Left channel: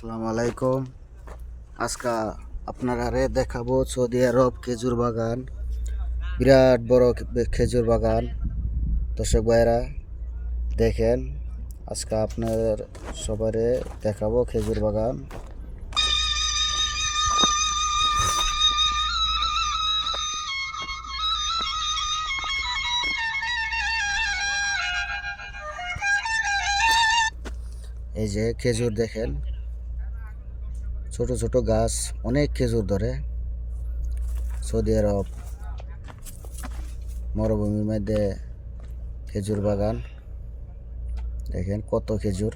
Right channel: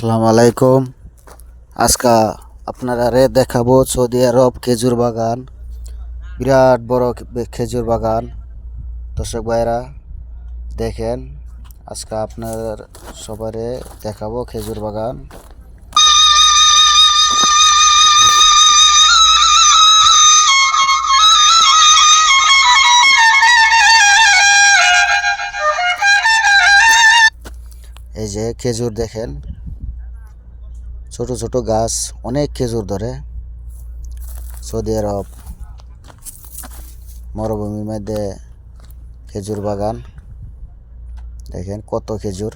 আসসালামু আলাইকুম। আজকা আপনারা রে দেখাবো সৌদি আরব খেজুর বাগান। বিরাট বড় খেজুর বাগান। দর্শক ভাইরা দেখেন, আজকে আপনার সবারে দেখাবো খেজুর বাগান। এই যে খেজুর দেখেন ছোট ছোট গাছ, অনেক খেজুর ধরে। সৌদি আরব, মরুভূমির মধ্যে খেজুর বাগান। দেখেন কত খেজুর।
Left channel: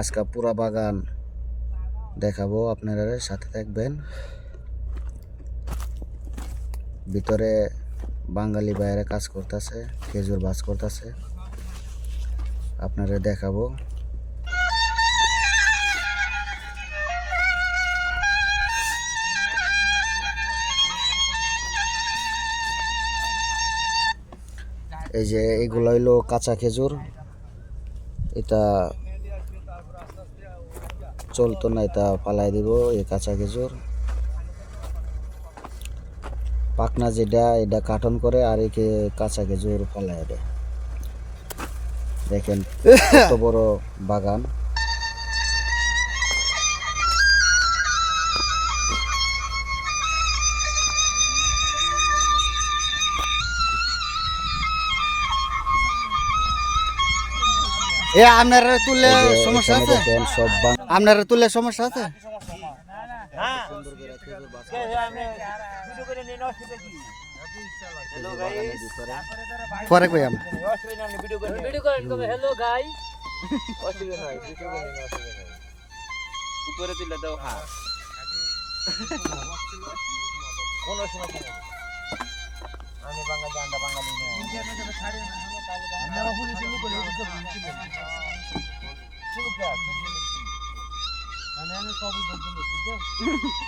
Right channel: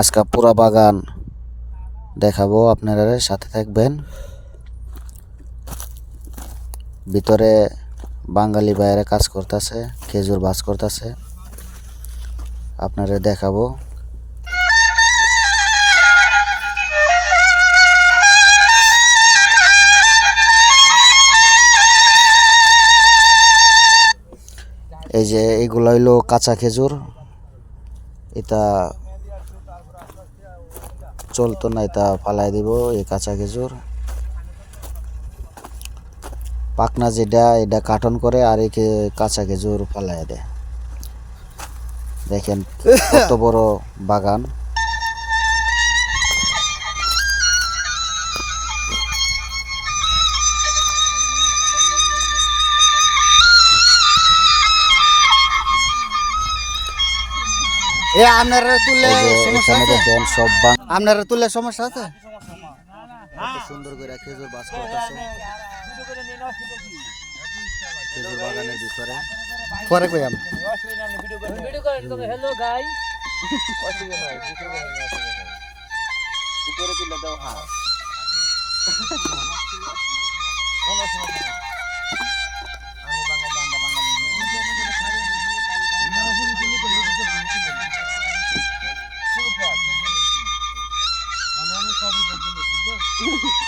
আজকে পুরা বাগান দেখাবো, আপনারা সাথে থাকবেন। ভিতরে বাঙালি বাইরে কাজ করতেছে, খেজুর বাস করতেছে। আপনারা দেখাবো। এই যে এগুলো হইল কাঁচা খেজুর। এটা চলতো না, এটা ফালাই দিব, এই কাঁচা খেজুর। পাকনা যেটা এটা কাটন করে আর একে কাঁচা খেজুর ফেলায় দেয় দেখেন কত বড় বাগান এ আপনারা তুললে সমস্যা আছে সব আপনারা তুললে সমস্যা আছে সুন্দর করে খেজুর বাজ করতেছে খেজুর বাগানের ভিতরে পরে কই আমি। ভিডিও করেন কবে? হ্যালো গাই অসুবিধা নাই ভিডিও করেন অসুবিধা নাই উপরে দিলে দাও হ্যাঁ কোন সমস্যা নেই। আমি বাঙালি আমরা বাঙালি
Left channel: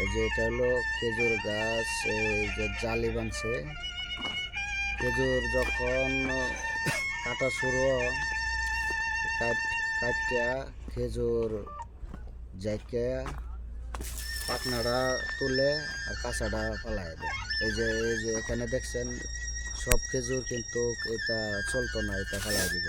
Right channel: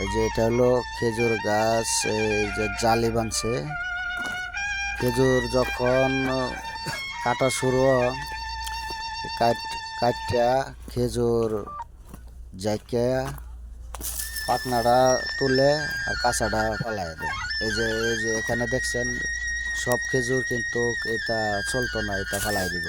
এই যে এটা হলো খেজুর গাছ, এই যে জালি বানছে। খেজুর যখন কাটা শুরু কাট কাটিয়া খেজুর জাইকে পাকনাটা তুলে আর কাঁচাটা ফেলাই দেয়। এই যে এই যে এখানে দেখছেন, সব খেজুর কিন্তু এটা চলতো না, এটা ফেলাই দিব।